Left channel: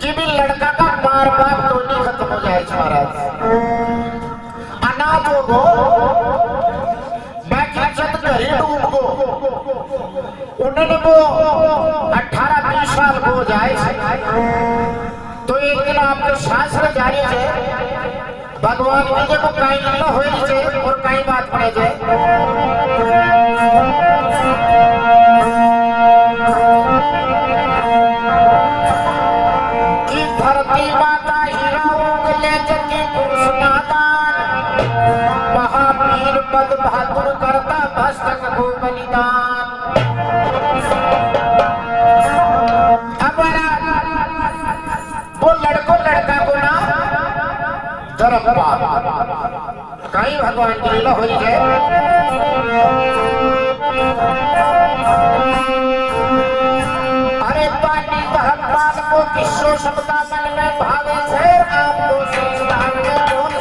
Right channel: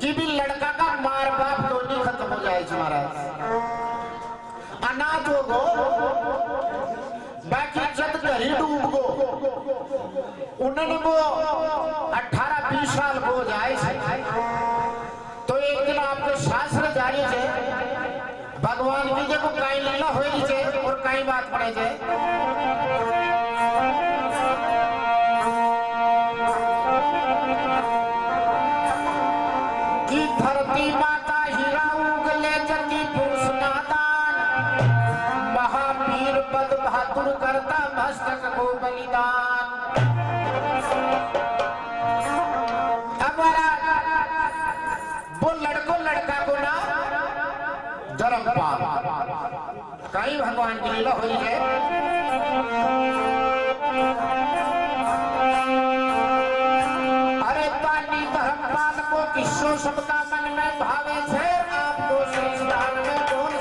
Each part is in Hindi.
कि भी लड़का का मार बाप दोनों खत्म हो जाए महाराज। अनाथ हो गो बाकी चत घरी डूब गो उन्होंने वो 18-20 साल हो जाए तो एक दिन आपके शास्त्र जारी है भगवान की जब कहीं न हो और कहीं बात पड़े जाए बहादुर करता मस्तक को बलिदान। वो लड़का को ना धर्म कहीं भगवान की लीला हो जाए। अरे पानी धर्मपाल को किसो सबका मन में भावे थे आपको संस्थान में बोल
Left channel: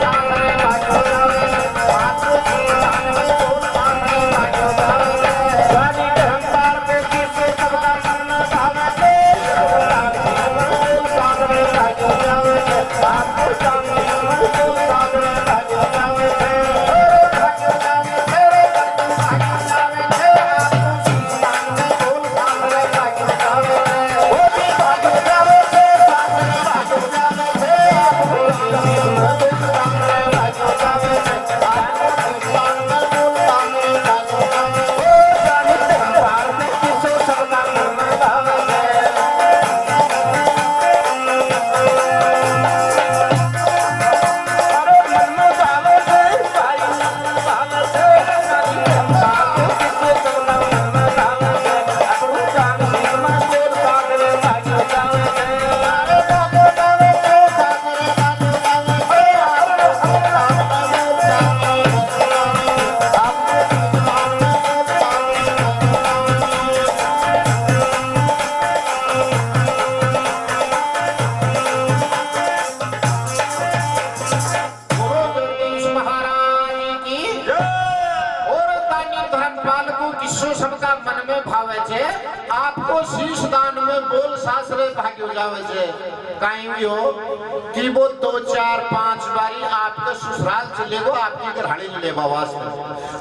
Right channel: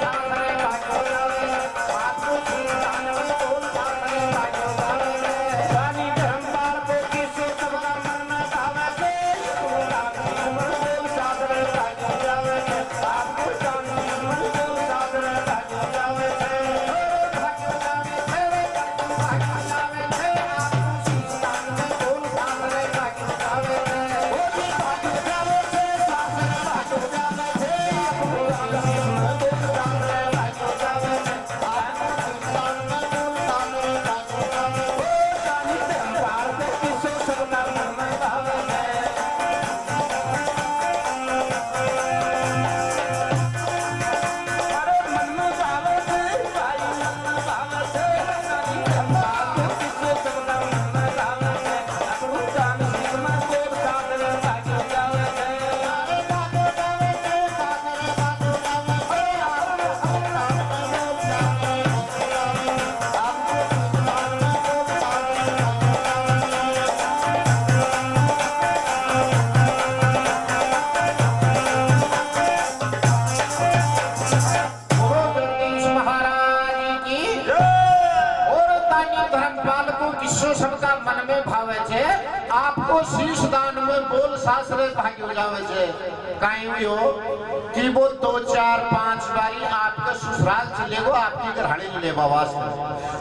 कि वो 2-4-5 बारी आपके ससुराल चले गो आपकी घरहाड़ी ले बवास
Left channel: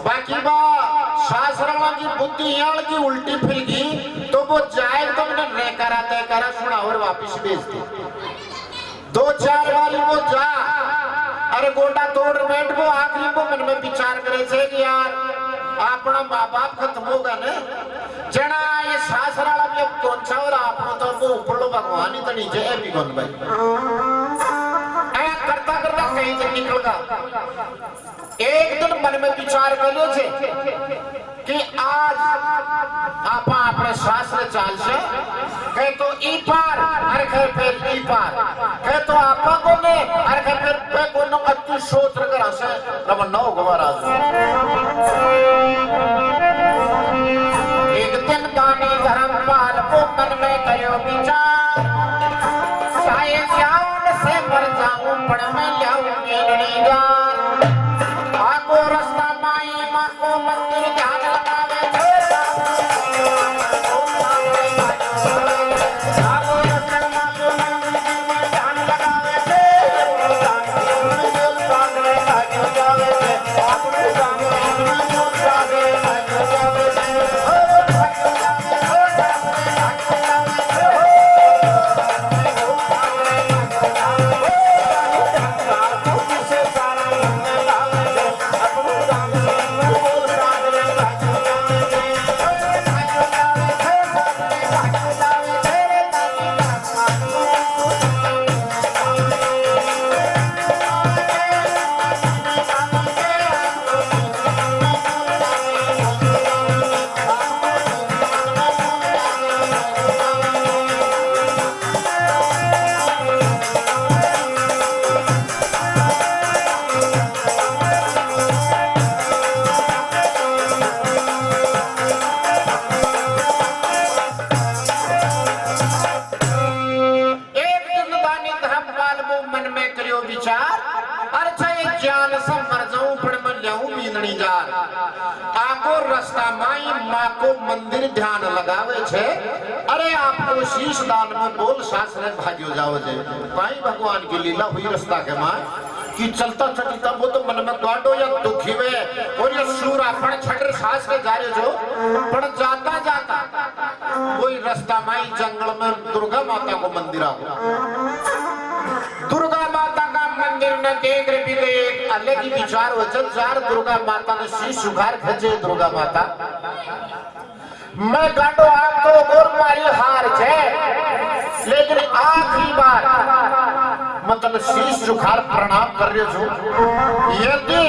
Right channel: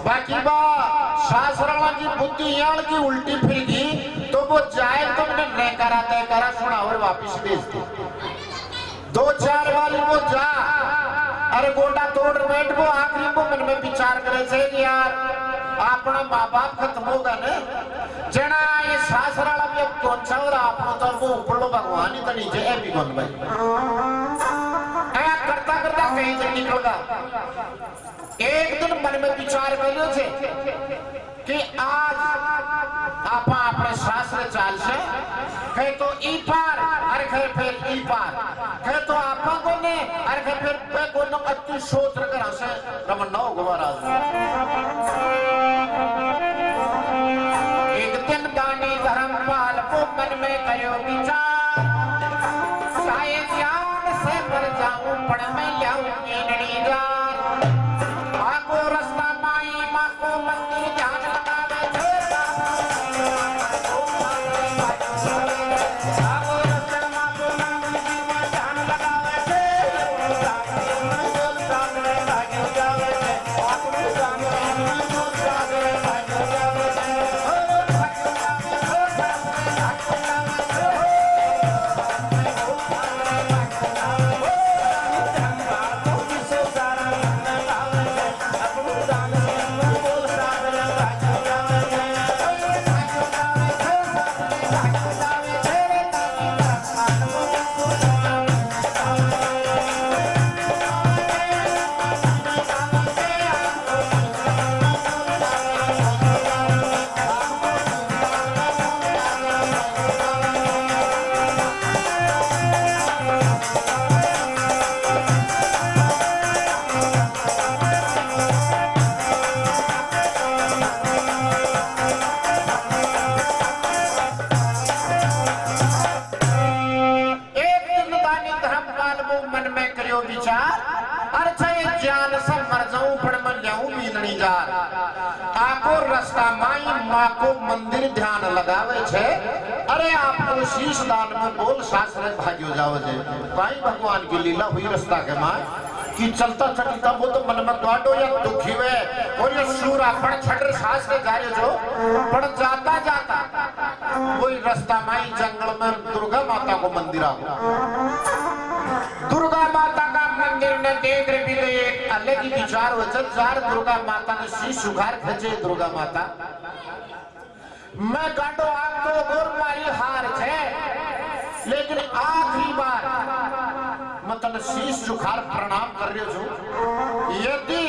बाकी बा शास्त्रा की बुद्धि यार की उल्टी फिर गई तो वो जाए तो मैंने न करा तय करा सुना और वापिस भेज दे 2-4 बारी वो जा अरे गोटा तोड़ बैठ वो आखिरी वो मन में विचार करे थे कि यार अपना माँ बाप खत्म होगा न जना ये सासरा भी अब कौन सा और आपने तो वो ऊपर लो भगवान ही तो नीचे है भी कौन भाई ऐ करता करता कहीं से निकल गया। एक दिन मन में विचार कर लो थे कि आज आप अपने शास्त्र चाल से कहे तो ई पार अरे कहे फिर ई पार कहे तो आपा को ने अरे कहे फिर पे को न अतु सोत्र करा से रमन नौ गवारा एक दिन दानी धर्मपाल को मन में कयो विचार शायद याद से मर जाऊं पण मैं लाऊं मेलनी जान आको रास्ता माई मां को मंदिर ध्यान लगावे रस्ता माई माँ को मंदिर ध्यान लगावे छे अरे आपको शीश दान में बोल शास्त्र भाग्यो जाओ जे भाई भगवान की लीला हुई रास्ता के माँ कि चलता चलता वो तो मन में गाडो या दुखी वे और ये सूरा पण छटर सास के जा रहे जो पण जाता जाता वही रास्ता माई जंगल में दुर्गा माता को मंदिर आ दुर्गा माता का मंदिर न देख रही भी एक अलग ही विचार हो चार दुर्गा माता ने शीश उघार खचे दुर्गा माता मैं गाडो आपको गोर मारी हार छे लेकिन आखिरी बार मतलब शीश झुकाल प्रणाम कर रहे छो यदि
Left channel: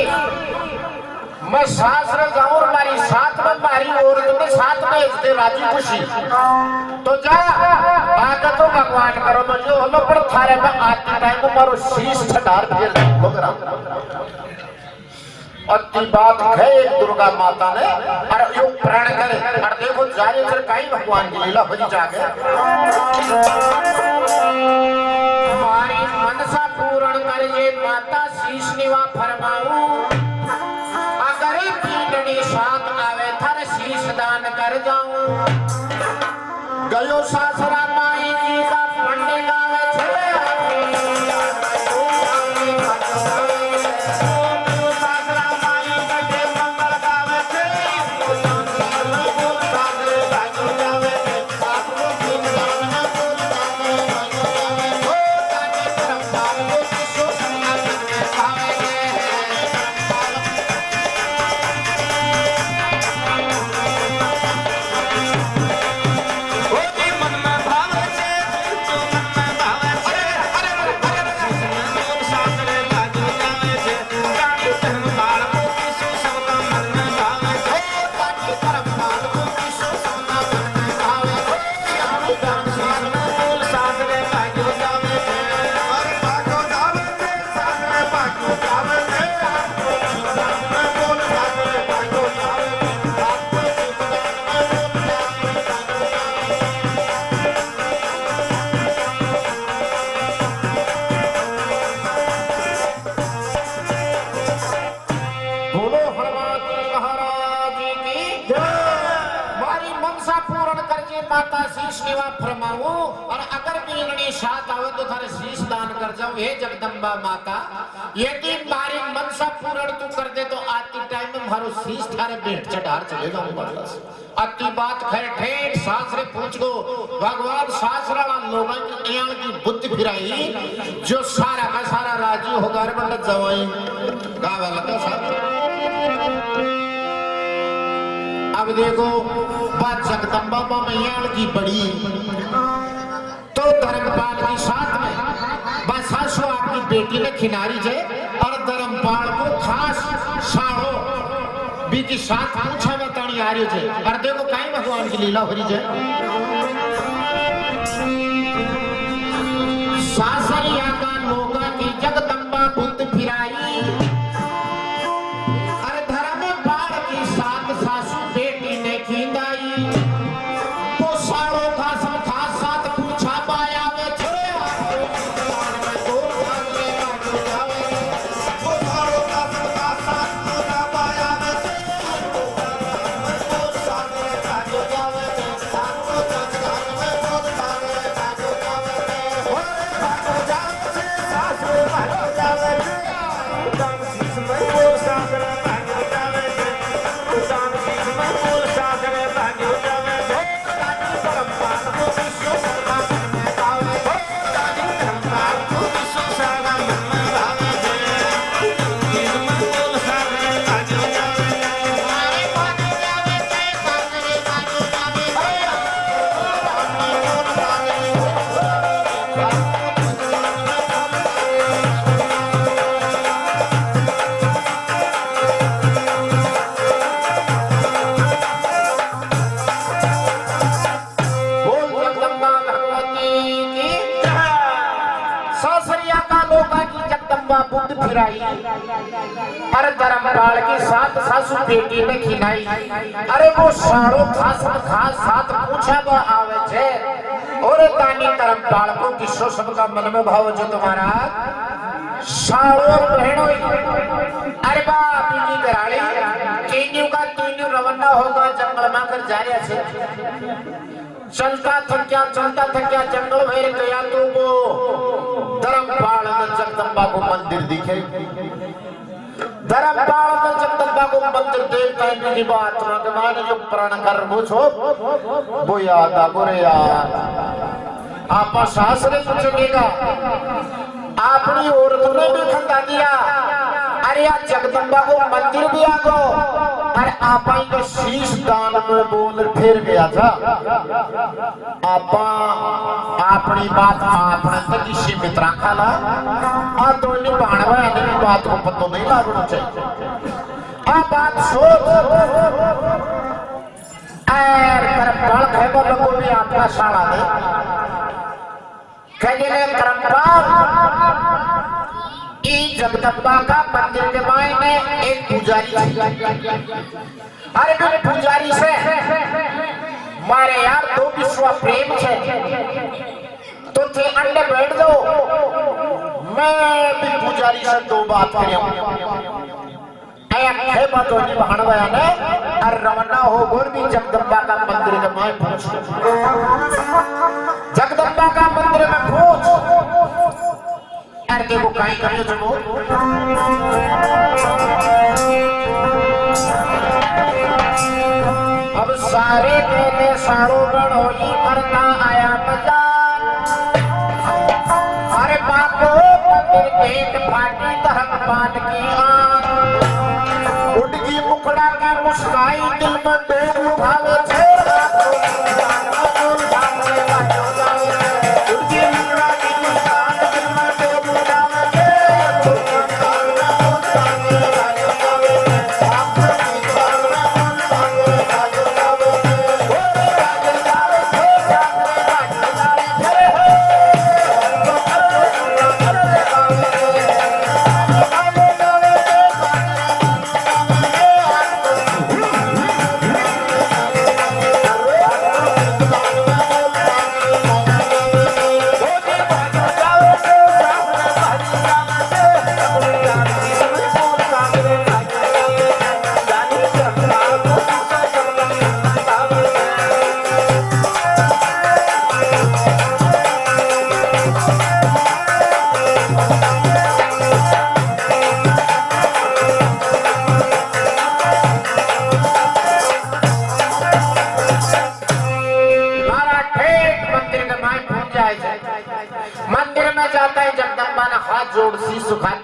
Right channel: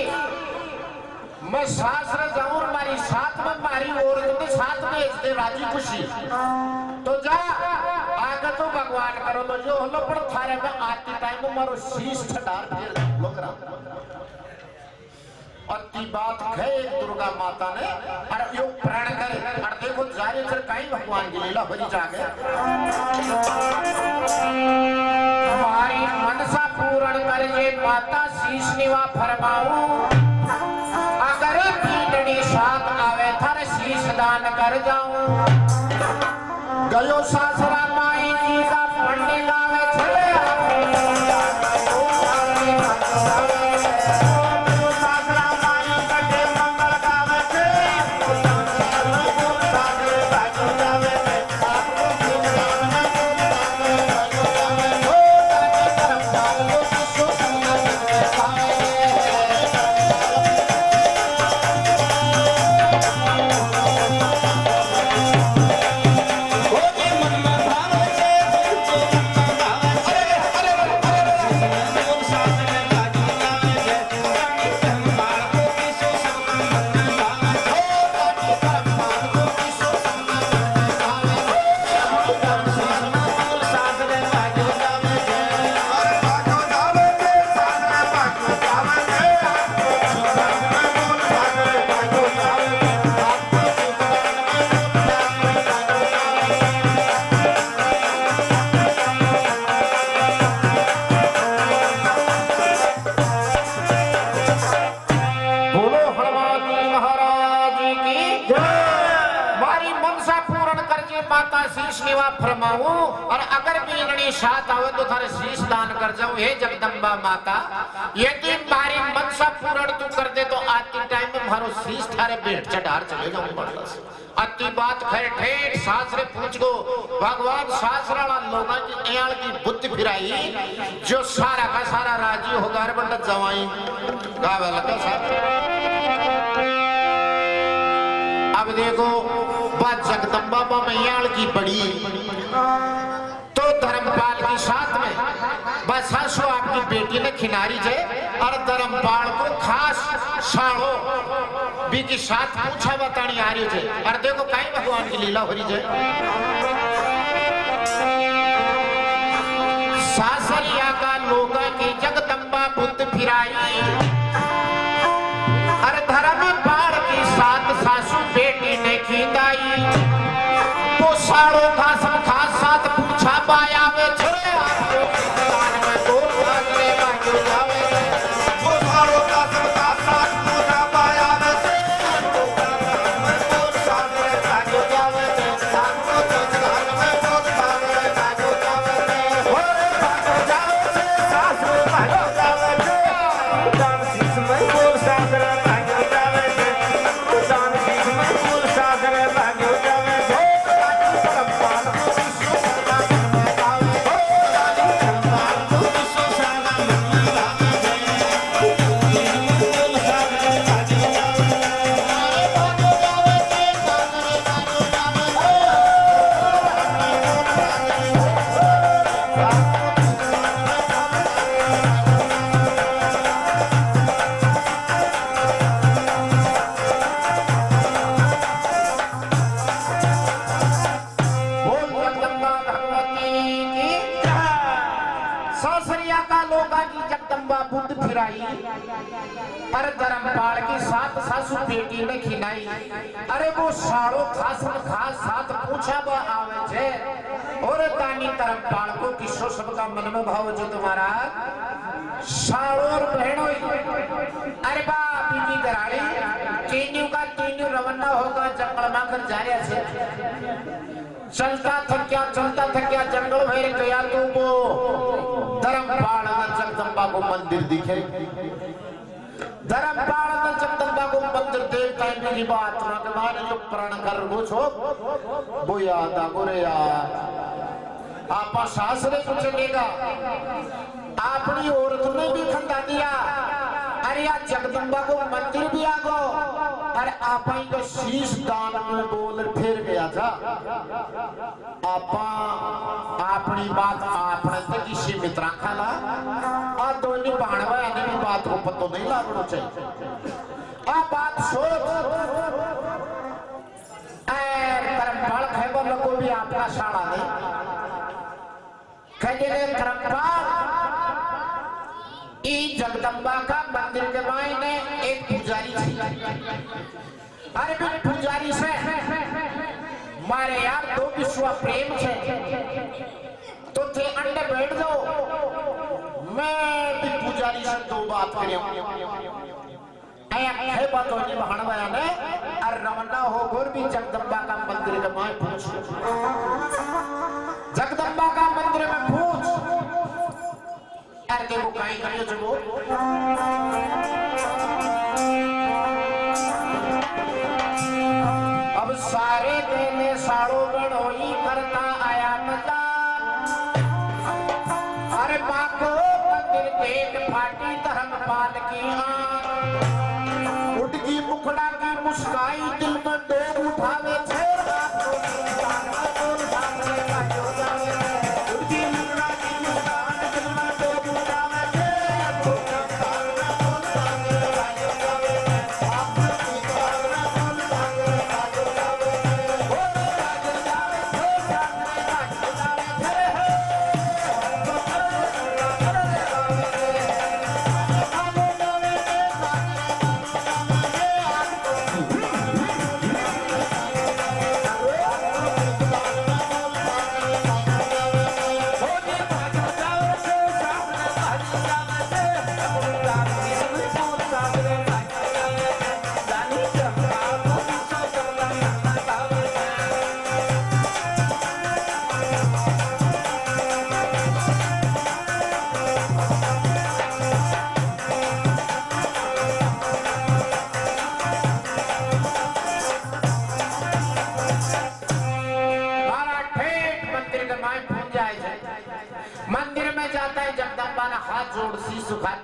मैं शास्त्र जाऊं मारी साथ में मारी और तो साथ में इसके राजी खुशी तो जा आगे तो भगवान करो तो जो हलो पर थारे में आती टाइम को मारो शीश छटार फिर बकरा अति बात है एक दुर्गा माता ने और यो प्राण करे और देखो जारी चल कई भगवान की लीला भजी जाके हमारी मनसा पूर्ण कर ये माता शीश निवा फरमाऊं अगर पीड़नी साथ आवे थर शीश दान कर जाऊं गयो सासरा माई जी का पंडे गावे छले और अगर बीननी साथ आवे तो थारे शीश दान कर जाऊं हे जगदम्बा माता यदि मारी मनसा पूर्ण तू कर दे तो आती टाइम में मारो शीश थारे भेंट चढ़ार चले जाऊं बरस अति बात खैर ठेठ सासरे पूछ गो भगवान सासराला लोगों की एयाल की बुद्धि फिराई जो सारा का सारा राजी होगा रे बंदा जवाई गावे लगा साहब अब देखो बात जगदम्बा मैयाल की बड़ी तो धर्मपाल की साथ में बस हंसो आपकी बेटी ने खिनारी जे और धर्मपाल को खास साड़ो भी की साथ पूछा बतानी आ रही जे और देखो कहीं भगवान की लीला हो रही जे सासरिया का लोगा की जगदम्बा बुद्ध फिराई और धर्मपाल की साथ सासू बेटी ने खिंदाई तो साड़ो का सब खास साथ पूछा पाया वे छे तो भागे भागे जावे तो साड़ो का सब खास साथ पूछा पाया वे तो साड़ो भागे जावे साड़ो तो घर में बहुत भागे भागे जावे भागे जावे सासू भागे जावे जान शीश में बोल सासरा भागे जावे जान शीश में बोल सासरा भागे जावे अरे धर्मपाल की साथ सासू बेटी ने खिलाई अरे वो साड़ो खास खास साथ पूछा वो आवे छे और तानी धर्मपाल को किसो सबका मन में भाव जो तुम्हारा साड़ो और बहनों अरे बाप की कराली तीनों का तीनों रवाना होगा जंगल में कर जा रहे थे। चलता थक्या जंगल भेर गया तो वो धर्मपाल में जगदम्बा को मंदिर दिखे। धर्मपाल में जगदम्बा को मंदिर देखता की बात भगवान जो प्रण कर पूछो वो याद आ बोरे यार आपा सास ने पूछेगा अपनी औरत ने भी खंदा दिया अरे यार जगदम्बा को मंदिर भी आगो और आपा को शीश दान में बोल फिर गया था आपा अपनी बात आपने तक इसी मित्रा खाला आ तो नहीं बाणवा यानी बात को पतो नहीं लागनो चाहिए आ बात सोच कर बल खैबर को भी आपका साड़ा दे कहे जगदम्बा का मंदिर के मायने एक पुजारी अरे मैं पुजारी से मारे यार दो विश्व प्रेम छे तो थे अंडे बैठ दो मैं भी पुजारी से दो बात करूं है बात होनी बहानवा ने और रवाना हो गोर भी जगदम्बा का मंदिर के मायने पहुंच जगदम्बा का मंदिर में पहुंच के वो काई करियो जमो अब सारे देने सारो गणोई करता आया मजा अरे बापो मंदिर एक फाटी धर्म पाट की उड़गी मुखड़ा की मुस्काई दिल में देर उठावे छे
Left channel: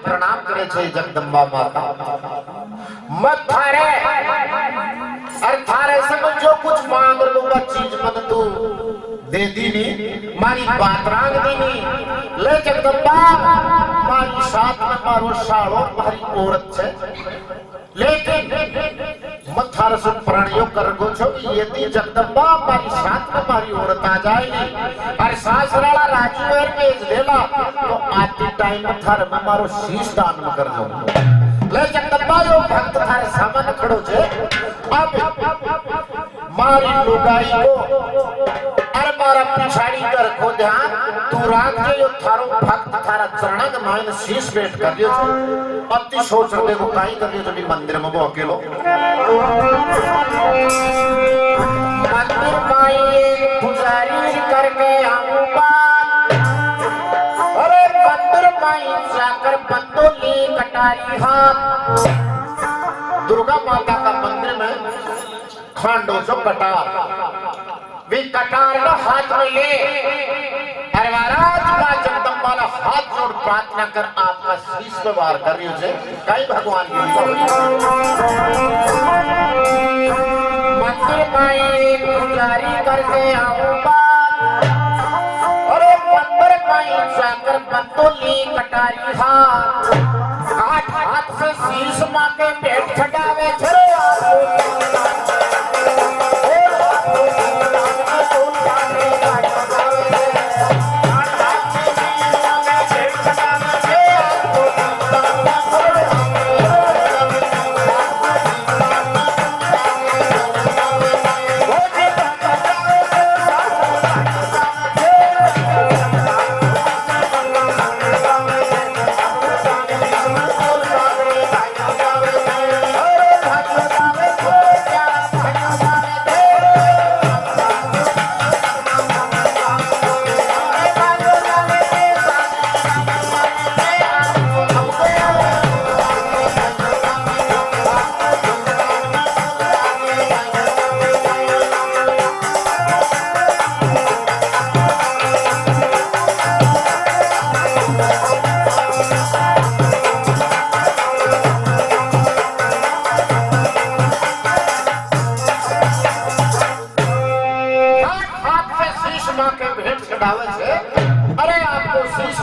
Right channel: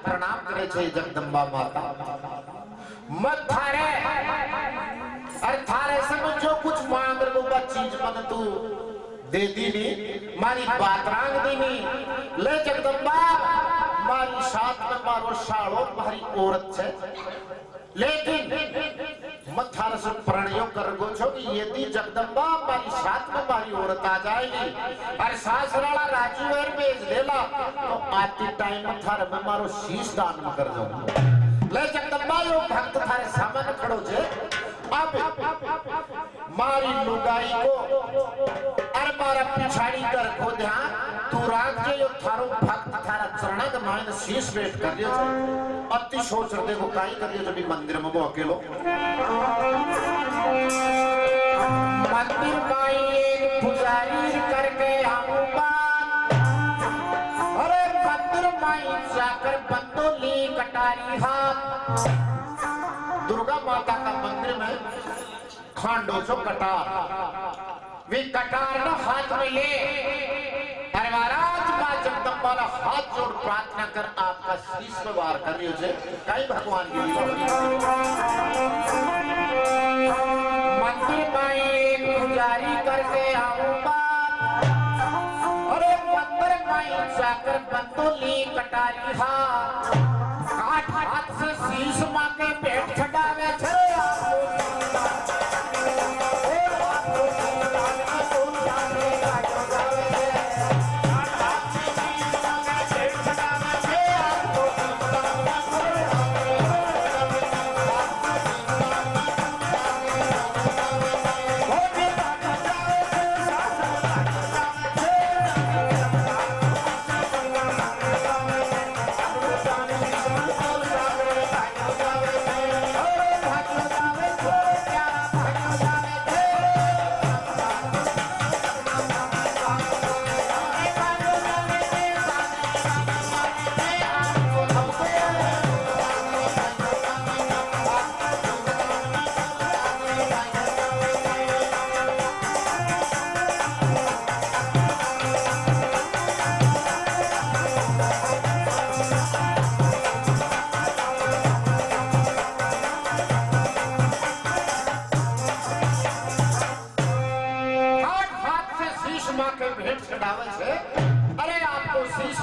प्रणाम करे छे जगदम्बा माता मत थारे अरे थारे से जो कुछ मांग लो वो चीज मन तू दे दी नी मारी बात रांग दी नी ले जगदम्बा मारी साथ में मारो सालो मारी औरत छे लेकिन मत थारे से प्रणयो कर गो छो यदि जगदम्बा मारी साथ में मारी औरत आ जाएगी अरे सासराला राजू एर भेज देला तो आती टाइम थारे में मारो शीश दान में कर दो ले जगदम्बा यो भक्त थारे सामने खड़ो छे अब मारी लुगाई को अरे मारा पिछाड़ी कर को ध्यान तू रात के यो थारो भक्त थारा चरण के मायने शीश भेंट कर दियो छो अति सोच रहे को काई कर दियो जब मंदिर में वो अकेलो मंदिर माई पुजारी करके आऊंगा अरे मंदिर माई जाकर बंदोली कटारी हाथ दुर्गा माता का मंदिर में खांडो जो कटार वे कटार ना हाथ में ले अरे महाराज मां जगदम्बा ना हाथ जोड़ प्रार्थना कर आपका शीश पे वार कर रही हो कई भगवान की मंदिर में पुजारी करके आऊंगा अरे मंदिर में जाकर बंदोली कटारी हाथ हाथ से शीश मां के पेट छटावे छे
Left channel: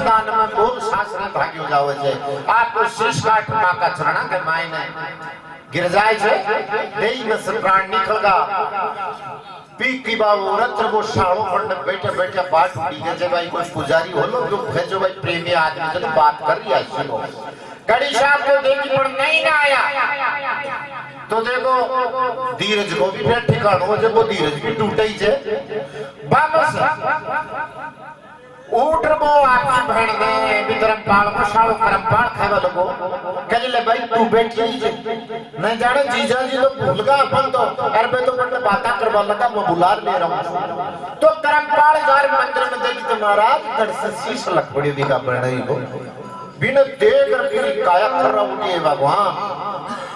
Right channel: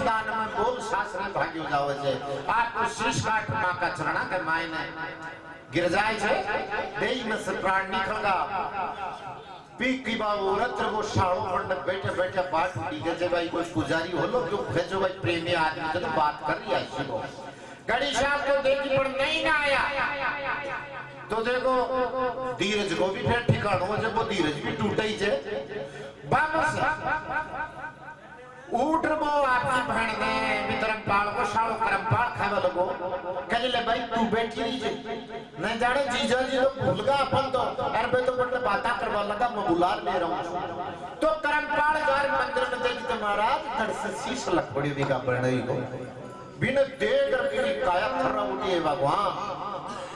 दान में बोल शास्त्र भाग्यो जावे छे आपको शीश काट मां का चरणा के मायने गिर जाए छे देई में से प्राण निकलगा पी की बाबू रत्र वो शाळो मंड बैठे बैठे बात उड़ी जे भाई कोई पुजारी हो लो जो भेजो भाई प्रेमी आदमी जो बात कर रिया सुनो कड़ी साहब को देखी पर नहीं ना आया तो देखो धीरज को भी फिर ठिकानो हो जब वो धीरज भी टूटे ही छे वापस उठ वो आपकी बहन ने वितरण पाल को शाळो करम पाल खावा लगो कहे ले भाई तू बैठी ही छे नहीं जाने जीजा जी तो भूल गया अपन तो अरे तो बड़े बातें करवा लगा मैं बुला ले रहा हूं तो करम पाल जार मंदिर में देखी तो महाराज गढ़ से शीश लग पड़ी दिखा बहन को बिना देख कर मेरी काया खर्रा उठी है भगवान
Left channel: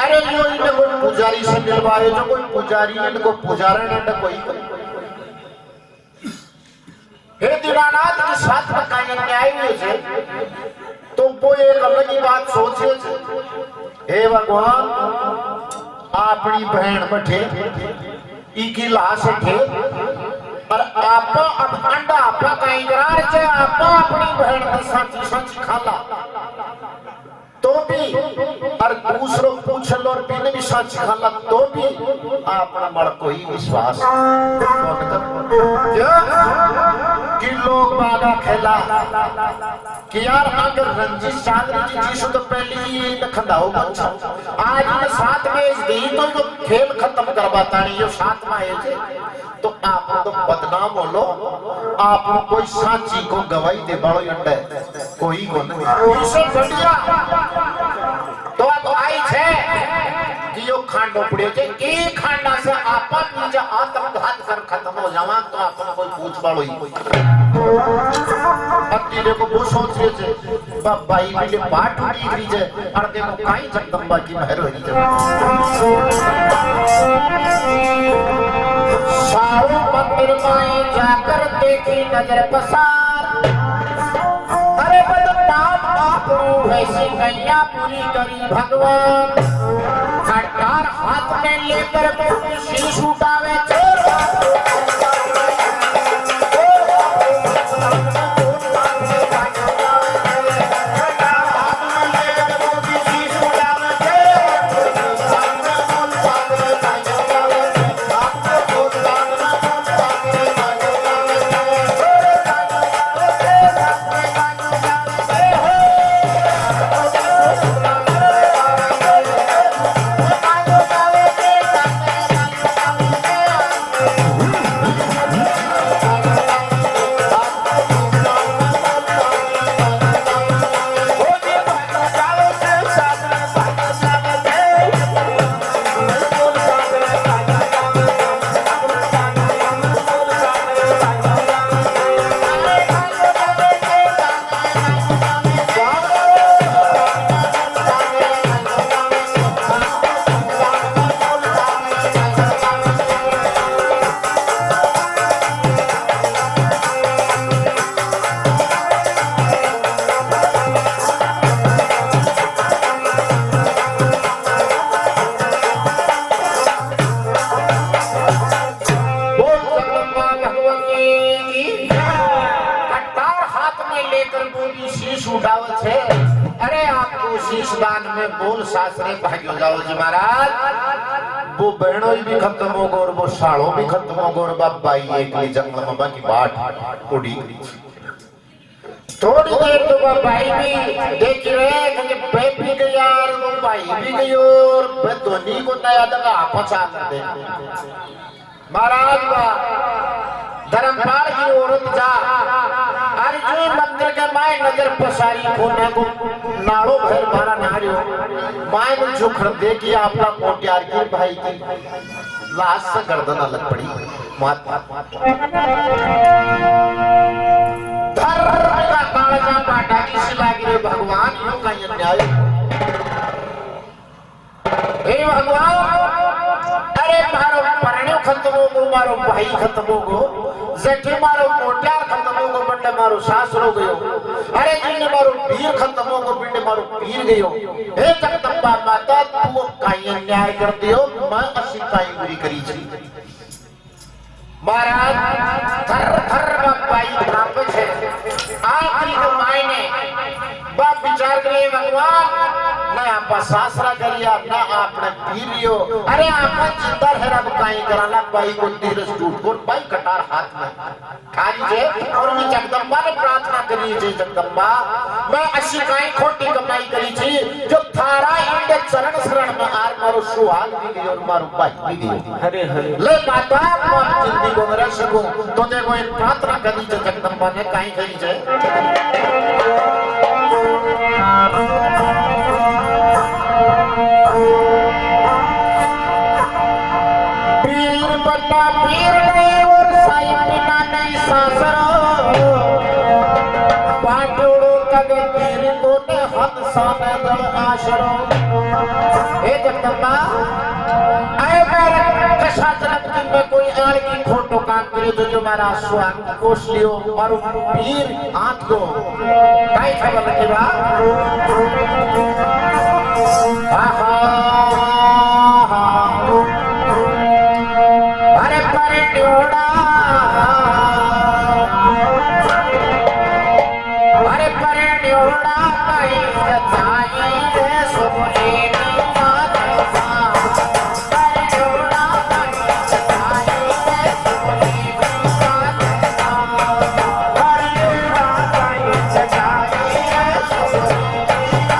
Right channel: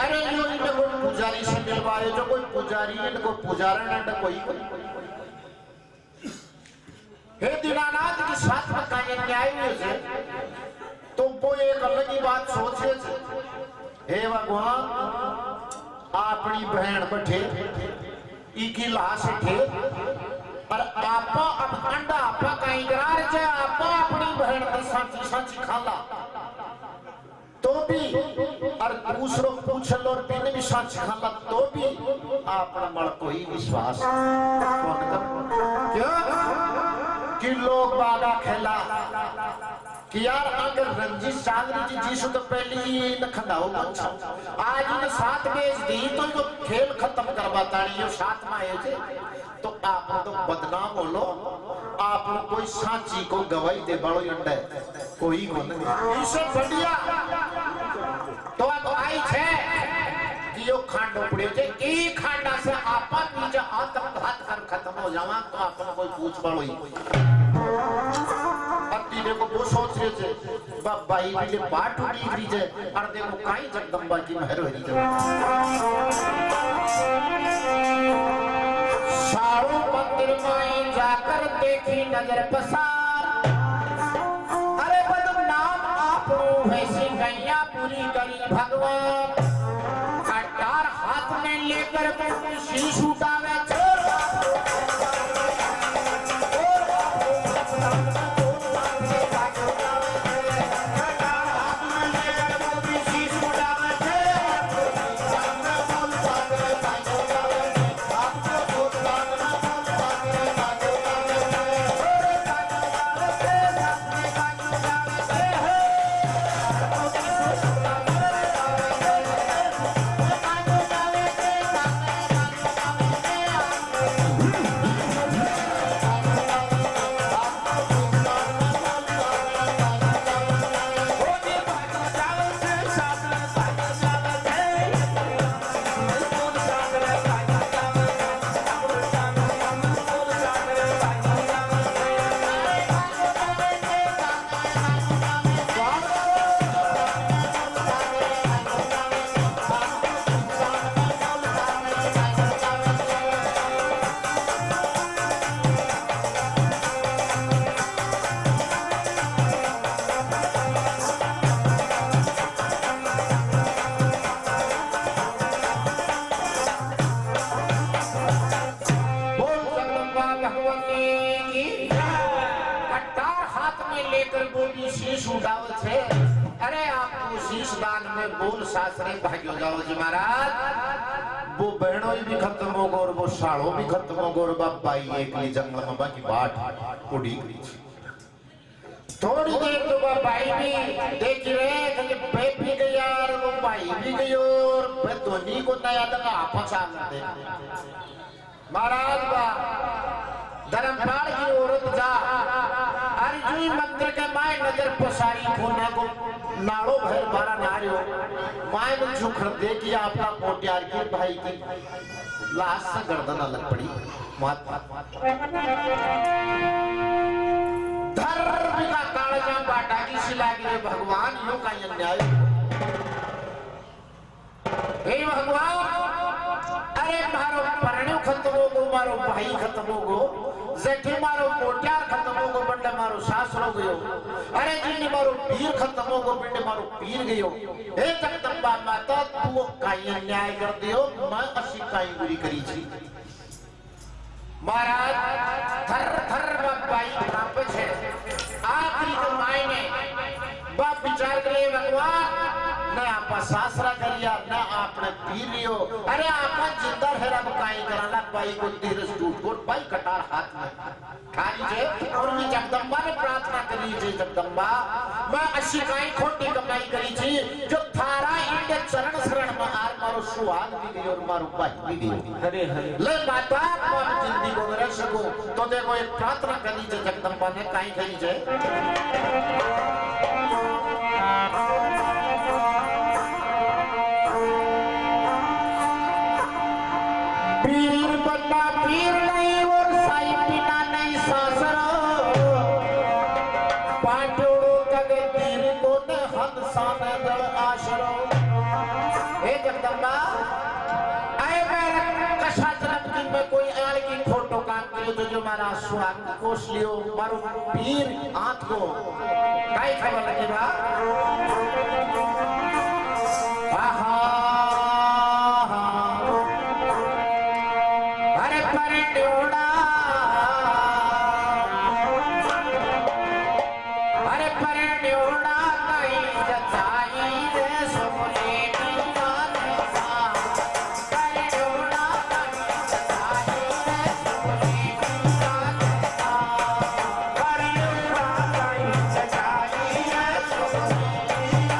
अरे जो इन्हें कोई पुजारी से मिलवाए जो कोई पुजारी इनको पुजारण इन्हें कोई हे दीनानाथ के साथ में कायन न्याय हुए थे तो वो एक अलग ही बात सोचे थे हे भगवान अपनी बहन बैठे इकी लाश थे और आपा अब अंडा आपा कहीं करार चे आपा अपनी बहन की सांची सांची खाला तो भी और दूसरों पूछ लो और पीने भी सच खाला तो भी आपने मर कोई विश्वास कि लोग बागा खेला कि यार अगर रंजीत चांद्री जी जीसु तो पहले ही न खंडाओ आज ने साथ में इस दी तो जो खेल खत्म करवाता नहीं जो साथ में आए थे तो आप तो बदनाम हो लो आप कोई सांची को गवाही दे बड़ो अंडे कोई को नहीं इससे बढ़िया तो अब आई छे कि यो खांडो पड़े छे एक खांडा से आपा नीचे आत्मघात कर खत्म हो जावा तो आपन कोई पूछ पाड़ो ही अति देखो वो सोच रहे छे भाई पहले पाठ उड़ी गई छे और देखो काई जगदंबा की मेहर होई छे सारो मंदिर में जाकर देखी नजर पसार अरे बदनाम आप वैसी गैया पूरी करी भगवान खड़कार हाथ में लेकर शीश उठावे वो बहनों भी खत्म हो गए और वो सालों भी खत्म हो गए और बाबा एक जंगल में बाकी बाट उड़ी थोड़ी देर तो वो भाई भी देख रहे कि बैठ भी गया और वो भाई भी गई और धोनी को नया दगा पचा कर दे महाराज धर्मपाल की औरत जा अर्जुन मंदिर के माय नजर पसारी कोने को नाड़ो भर मारा नारियो माय ने झुकड़ दे कि आपका कोट्यार की भाई की लाश से गर्दन अलग पड़ी मात धर्म का कालजा बाटा की सिला गिरे भगवान यूं का अन्याय हे भगवान अरे मारो परण्यो खत्म हो गो मारो भाई खत्म हो गो जेठे मारो कोट्यार खत्म हो गो बंडे मारो सासरो गयो अरे जिने मारो पीर खत्म हो गो बिंडे मारो पीर गयो हे जगदंबा माता तू काई अन्याय कर दियो मैं असी काई बुरी करी छी महाराज थर थर बाई भाप छे आखिरी सासरा करिया ना आपने पीरियो अरे आपन जिंदा है रब काई कराला पाई को तीर टूट को पाई कटार हाथ में खाली जे और मैं जगदम्बा ने प्रार्थना करी जे जगदम्बा मैं अच्छी काई खोटी कमाई करी थी जो थारा इंडे चरण शरण में आर मारो सुहाग भी दियो और मारो पाई भी दियो हरे हरे ले माता आप जिंदगी को मेरे सकूं तो देखो एक प्रार्थना करी जे जगदम्बा ने काई करी जे पीर बन्ना पीर नहीं और साई बिना नहीं सासरो पाटोड़ो कगे पीर को ने हद साने दल आशरो ए जगदम्बा आए मेरे कशा जन्म की में कोई आड़ की फोटो काम करे तो जो मारा स्वागत कोश लियो मारो पीर हाथ को काई खबर लगे बा आहा अरे परड्योड़ा अरे परड्योड़ा कहीं सचाई रे सोने की बात सा परड्योड़ा कहीं सचाई रे सोने की बात सा परड्योड़ा कहीं सचाई रे सोने की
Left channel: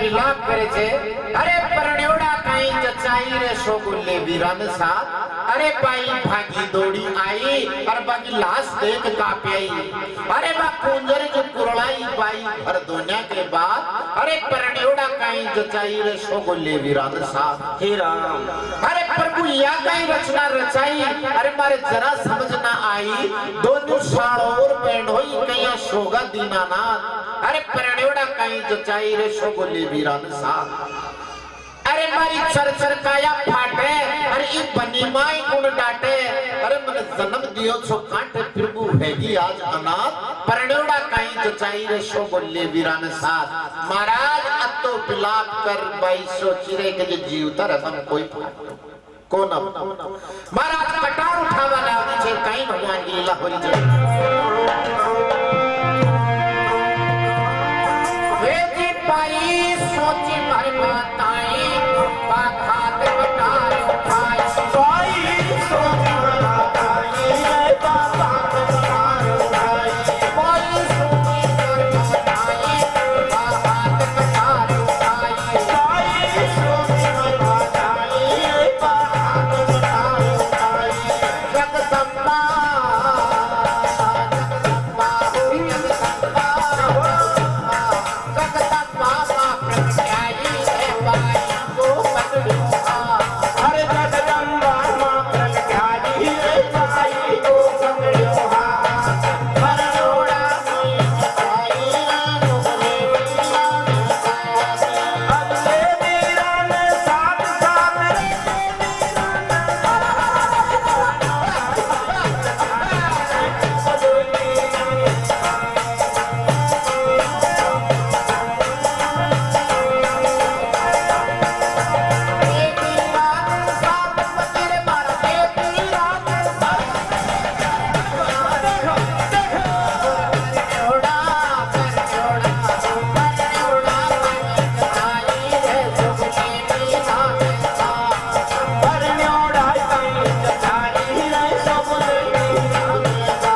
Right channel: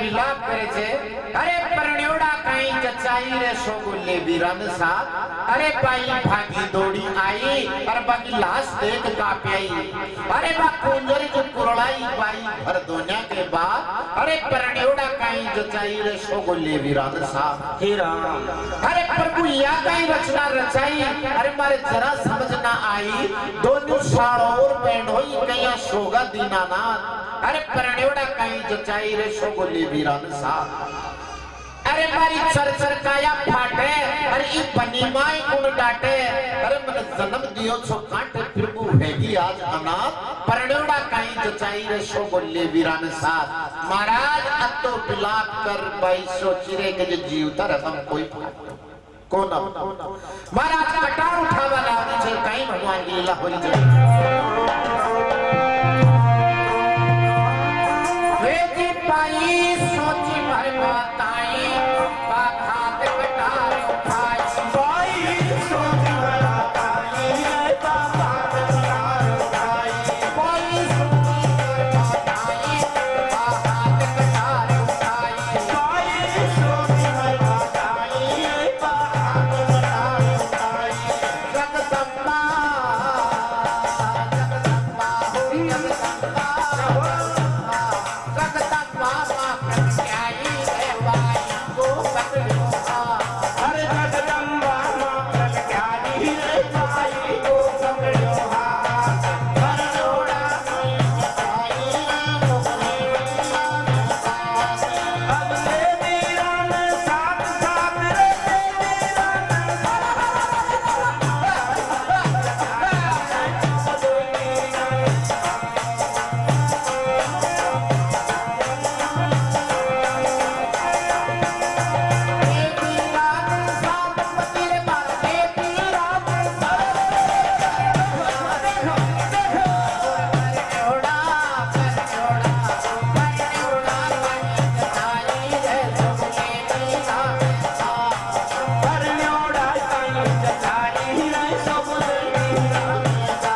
विलाप करे छे अरे परण्योड़ा कई जचाई रे शोगुल्ले वीरन सा अरे बाई भागी दौड़ी आई अरे बाकी लाश देख कांपी आई अरे बा कुंजर जो कुरलाई बाई भर दुनिया के बाद अरे परण्योड़ा कई जचाई रे शोगुल्ले वीरन सा हे राम अरे प्रभु या कई रचना रचाई अरे मारे जरा समझ ना आई दोनों साड़ोर बैंड होई कया शोगा दीनानाथ अरे परण्योड़ा कई जचाई रे शोगुल्ले वीरन सा अरे मारी चर काया फाटे अरे ई बनी माई गुण डाटे अरे मन जन्म दियो छो काटे प्रभु हैगी आज अनाथ परण्योड़ा कई जचाई रे शोगुल्ले वीरन सा महाराज अतो बिलाप कर बाई सोची रे के जीवता रहम कोई कौन महाराज कटार उठावा लावनी छे कई भगवान की लीला होई छे वे जी पाई सोची भर माताई बाखात कटार उठाई पाई सोची बताई रे बाबा कटार उठाई पाई सोची भर माताई बाखात कटार उठाई पाई सोची बताई रे बाबा कटार उठाई जगदम्बा जगदम्बा होई जगदम्बा जगदम्बा मां प्रत्याई रे बाई को पकड़िया हरे जगदम्बा मां प्रगटाई रे बाई को पकड़ियो हाथ परण्योड़ा आई अगले वीरन साथ साथ रे परण्योड़ा कई जचाई रे शोगुल्ले वीरन सा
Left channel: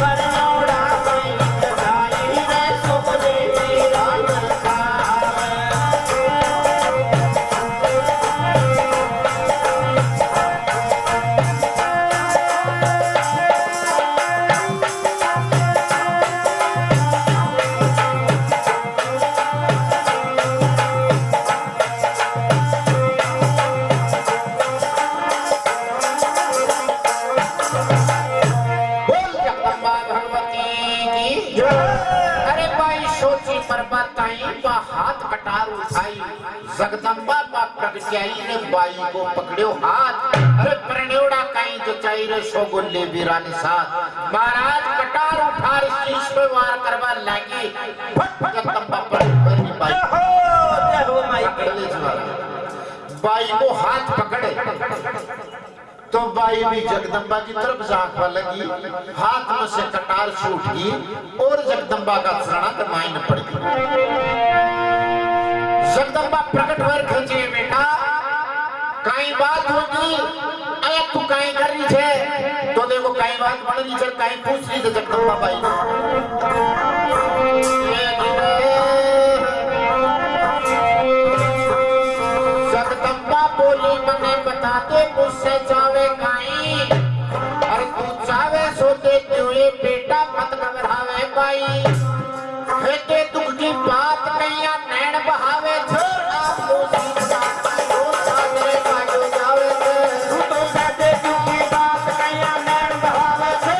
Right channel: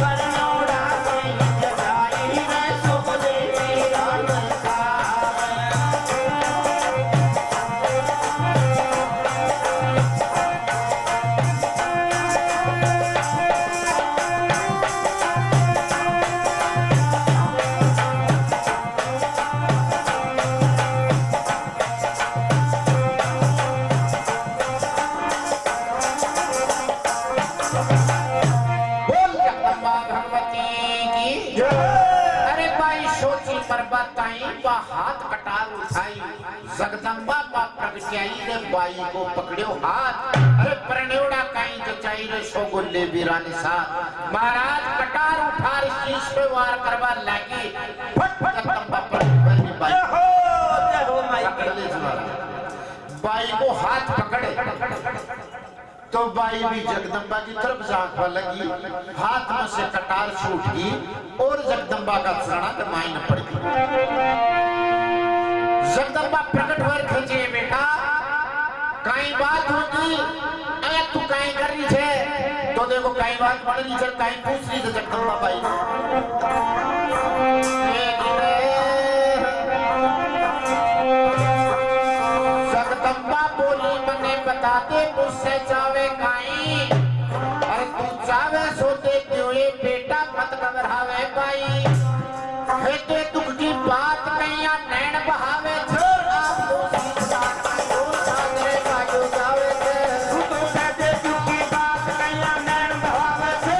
परण्योड़ा कई जचाई रे शोगुल्ले वीरन सा बोल जगदम्बा भगवती की अरे बाई सोची पर्वताई बा हाथ कटार उठाई जगदम्बा बा प्रगटाई रे बाई को पकड़ियो हाथ अरे परण्योड़ा कई जचाई रे शोगुल्ले वीरन सा महाराज कटार उठा रे शीश पे वार करवा लागी फट फट जगदम्बा पर बाई जय हो माई पकड़ ले जी बाई को हाथ पकड़े तो बाई भी जगदम्बा की तरफ झांकवा लगी हाथ में से कटार छूट गई और जगदम्बा का चरणा के मायने पड़ गई जगदम्बा प्रकट होकर खींचे बेटा कई बात होगी अरे तू कहीं कर रही छे तो देखो कई बात बन रही छे कहीं पूछ रही थी जगदम्बा बाई जगदम्बा बोली मने बताते मुझसे जावे काई अरे तू जावे सोते तुए बेटा मत घबरावे बाई हेते दुख की बात कहिया नैन बहावे छोड़ आप तो सीधा पायो सादरे पायो जावे से तू तो कहते दुख की बात कहिया नैन बहावे से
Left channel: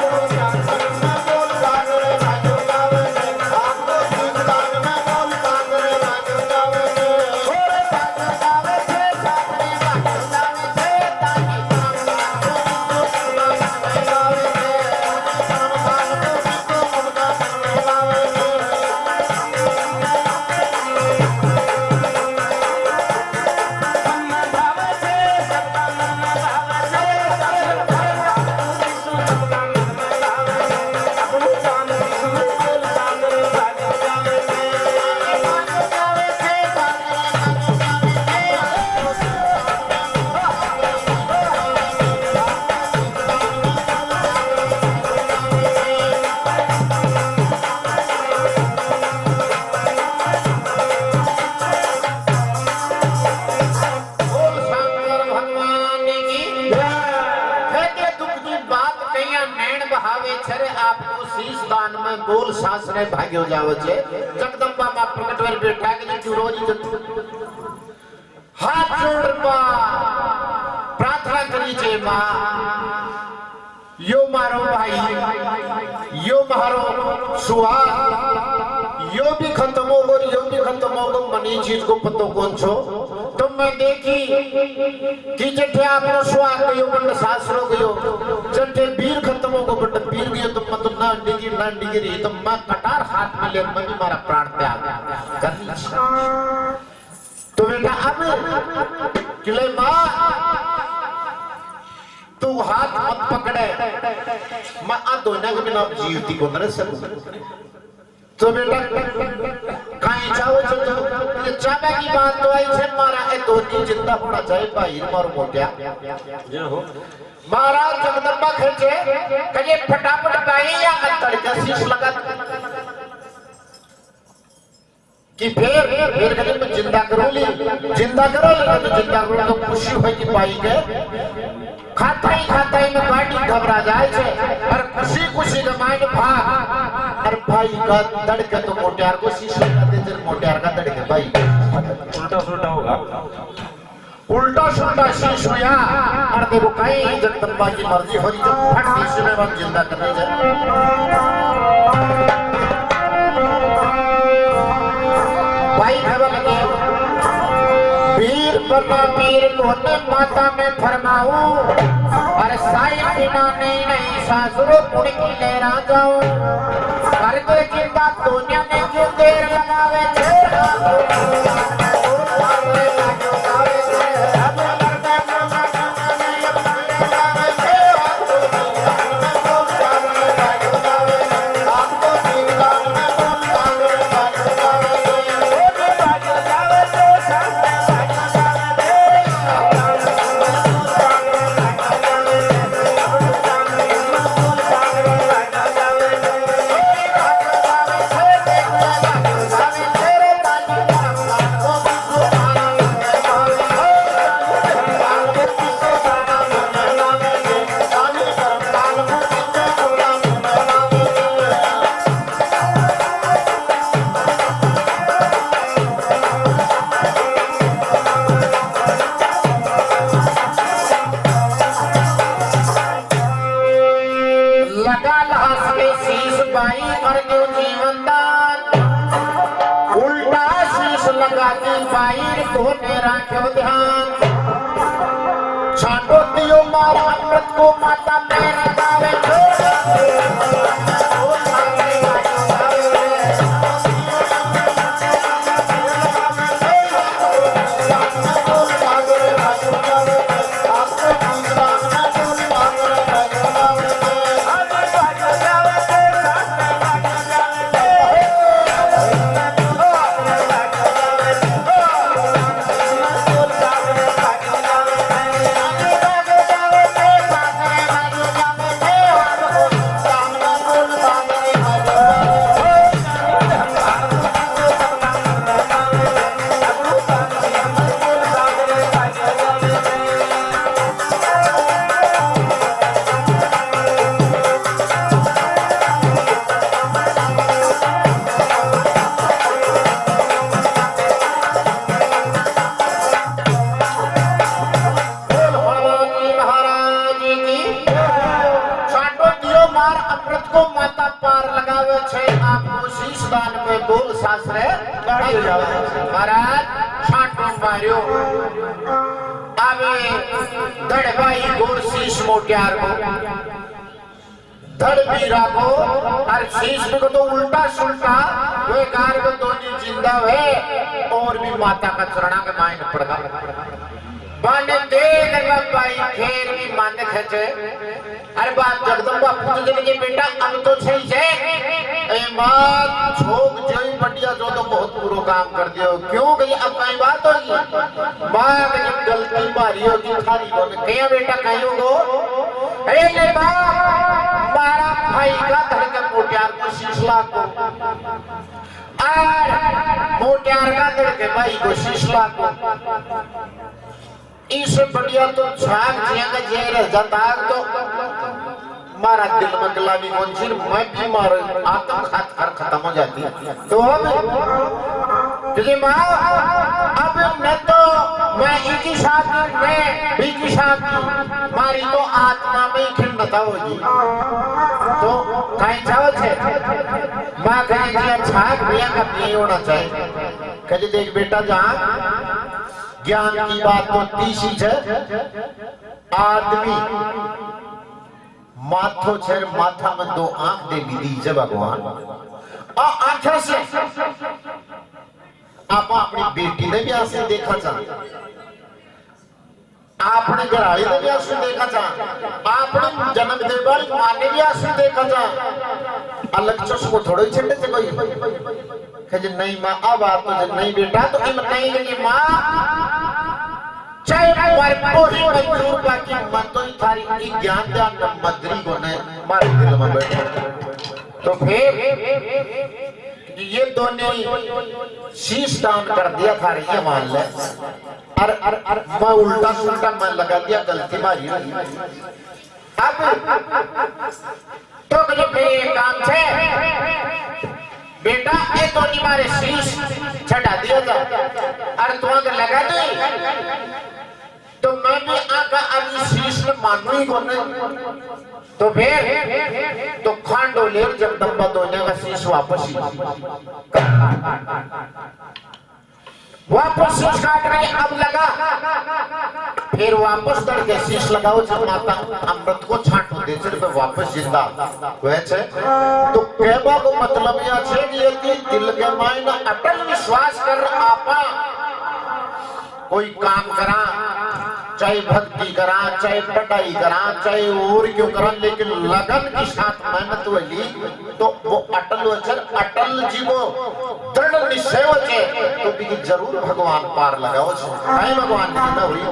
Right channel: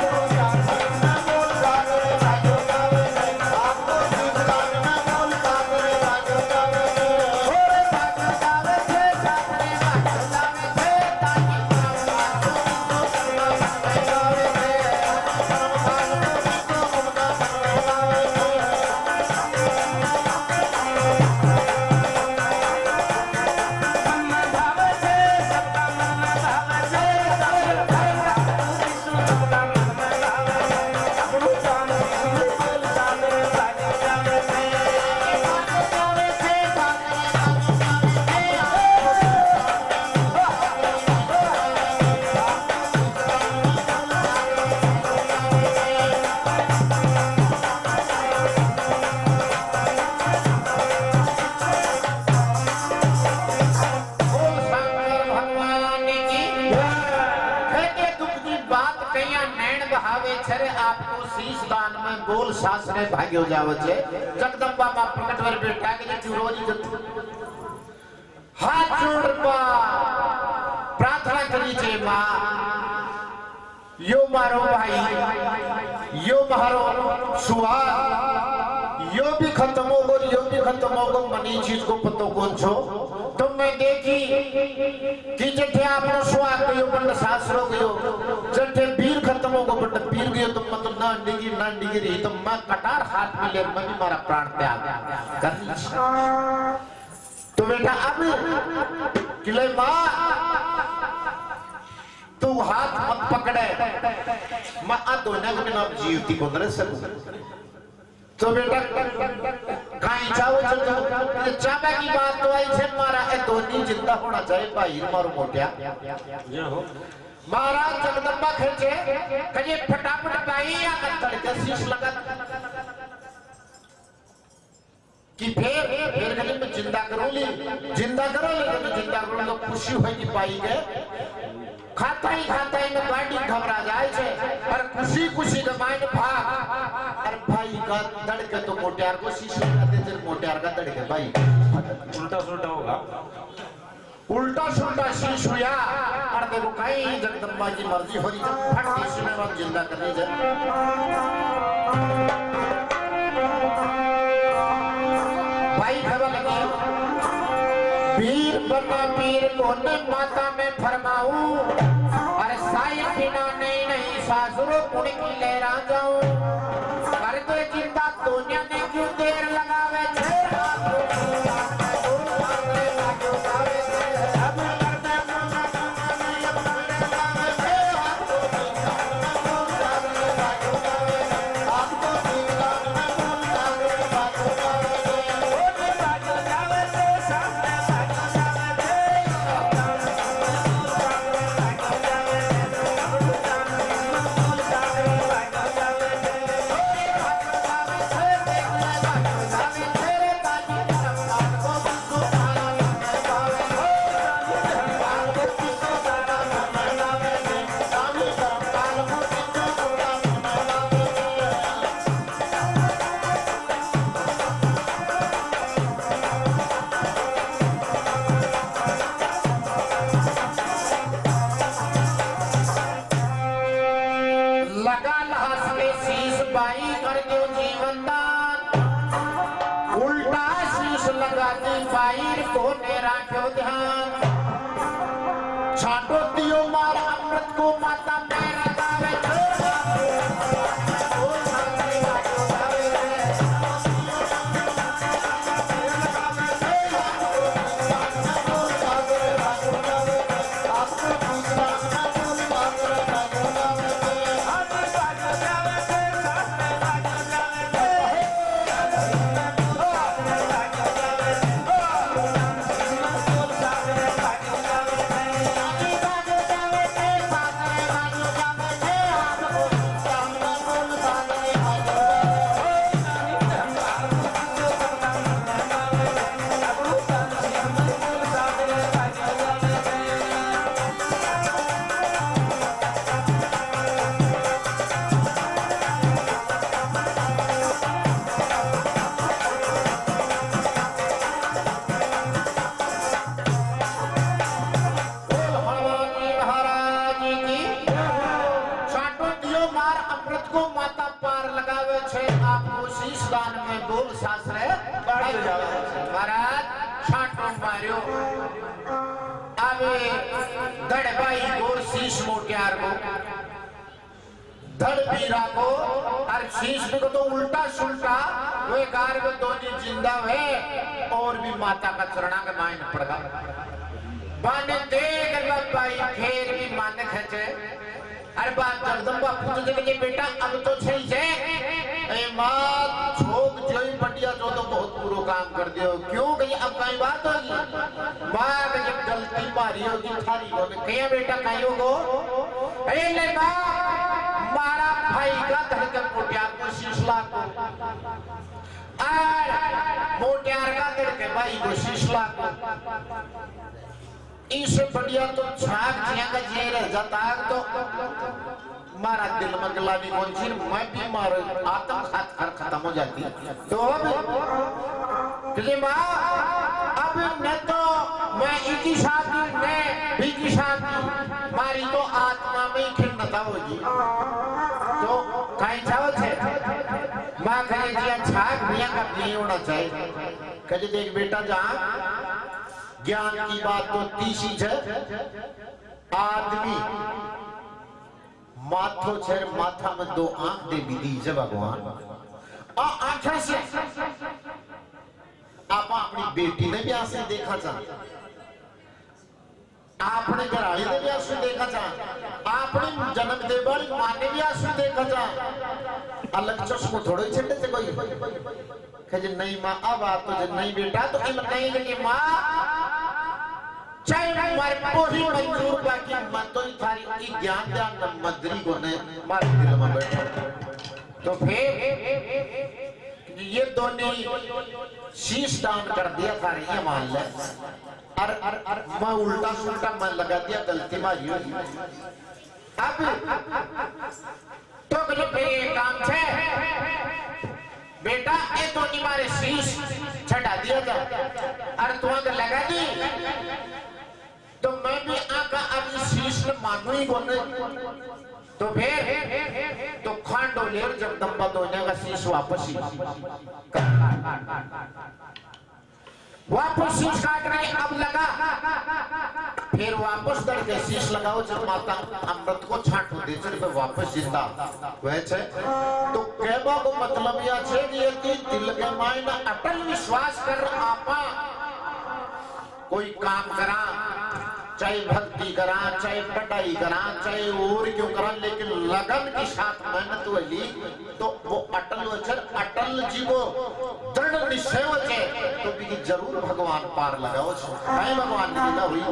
तो जाकर न बोल सागरे साजो गावे से आप तो सासरे भाग्यो जावे छे जगदंबा मां प्रकट वर बैठा के क्यों रोज जत हाथ जोड़ प्रार्थना करी छे मां यो मारो भाई यो मारो सुहाग यो भी खत्म होगो यो भी खत्म होगो मनी चीज को पतो कौन छो तो मैं देखी कि जठे आपनो सुहाग गयो बंद सासरो गयो जठे वीर खत्म होगो बंद वीर गयो तो मत ना डिगी रही तो मैं कटार हाथ में ले मैं भी मारा प्राण त्याग कर तो बेटा अब किले मां तू हाथ मत पकड़े मैं दोनों के बिना जीवती को न सकूं तो बेटा कहीं जाओ तो चाबा की बात तो आई छे मारा ए दोनी जिंदा होना चाहिए भाई मारो मोटिया जय हो महाराज जगदंबा खेचे कहे फटाफट भाई या अंतर के शीश लगा कि फिर कहे मैं जिंदा करो लेकिन जिंदा करो तो खुशी होई कि पाई गए खाता ही में गाड़ी घबरा जाए छे और खुशी के मायने भाग और भाई का धड़के तो मोटियार को शीशे कर दे मोटियार का धड़के भाई उल्टा सुल्टा शीश हुआ और देखो कहीं जगदंबा की मर्जी हो रही तो फट शीश में हम जिंदा करने जाए भाई खबर लगे वीर बना वीर कोने माता में फरमाऊं और साई बिना नहीं सासुरो पुण्य की ले जाऊं कर दे जिंदा दुनिया में क्यों देर लगावे को माता में लगावे महाराज छाटो मारियो अबे धड़ भाई गोर शीश मोटियार को धड़ बीरा को और शीश को तो उल्टा सुल्टा वे गार को दोनों जिंदा है और भी माता का चरणा के मायने पड़गा बाने देख भाई खेर भी माने खचे अरे बात जगदंबा पूछ के बेटा अब तो सही है ए मां छोक जोई बढ़िया जो तो बहुत पूरा काम कर दियो क्यों गई अब कई बात होगी मां की गलती मारी होगी थारी बोले क्या बेटा कहियो गो अरे ले मां मारा भाई का धड़के मोटियार को शीशला को और मोटियार का धड़के भाई को शीशला को इस बढ़िया तो छाग जिया के जे रह जाता तो मारा दिल में गुलामी कौन सी मैं भी मार आत्म खात खत्म हो जाती तो अब तुझे माँ अब मैं तो मैं इनकी शादी मैं भी की शादी मारी तो आत्मा में खिन्नता होगी तो कहीं जाओ छे माँ कहीं दिया छाक भैया का नहीं होना चाहिए कहे देख बेटा जहाँ ज्ञान की बात तो तीसी है आदमी माथो छेर माथा में दो आंख दे भी दी है भगवान और आंखों से आप अपनी बेटी ने भी आंसू देखा चाह आपने घराड़ी ने भी आंसू देखा चाह आपने जन्म दे वाली मां ने भी आंसू देखा चाह अलग चश्मो थोड़ा ही छंडे से कोई कहे नहीं माँ अब आप तो नहीं बेटा तो इम नहीं कि माँ चाहे हमारे कोई मंजूर बाकी मन तो ही थारी ज्ञान ध्यान मदरी को ने मारे दिल में बैठे तो फिर ये दोनों शीश दान कर दिया थारी ये मान ले अर मैं उल्टा सुल्टा मैं लगा दिया गलती मारी अब तो कहीं काम से बेटा ये तो नहीं मारे शीश छटा दिया था अरे तू अगर लगा दी तो मैं भी आका अभी शीश में मानू ही कौन तो फिर तो खांडो ले जब दम्बा दोने का शीश वापस ही वापस शीश काट रहे अब लगा फिर वापस दर के शीश लगाओ जब माता अमृत को छांट दे फिर वापस जिंदा वैसे तो कहवा को मतलब यह है कि दिल के मायने अटल विश्वास कर आपा कोई काम करा चाहे भक्ति करा चाहे पढ़ाई करा चाहे और क्यों करा लेकिन लगन के साथ मेहनत वाली तो वो अटल वचन अटल जी को दृढ़ निश्चय वचे तो भी जरूर भगवान पार लगाओ नहीं भगवान की ना हुई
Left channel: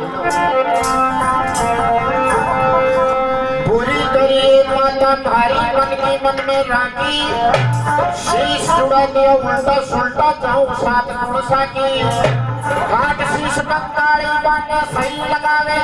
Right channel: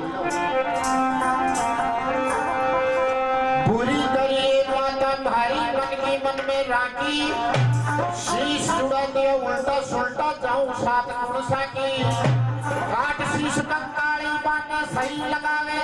बुरी तेरी माता भारी मन की मन में राखी शीश जुड़ा दिया उल्टा सुल्टा जाऊं साथ गुण साकी काट शीश कंकाली बाने सही लगावे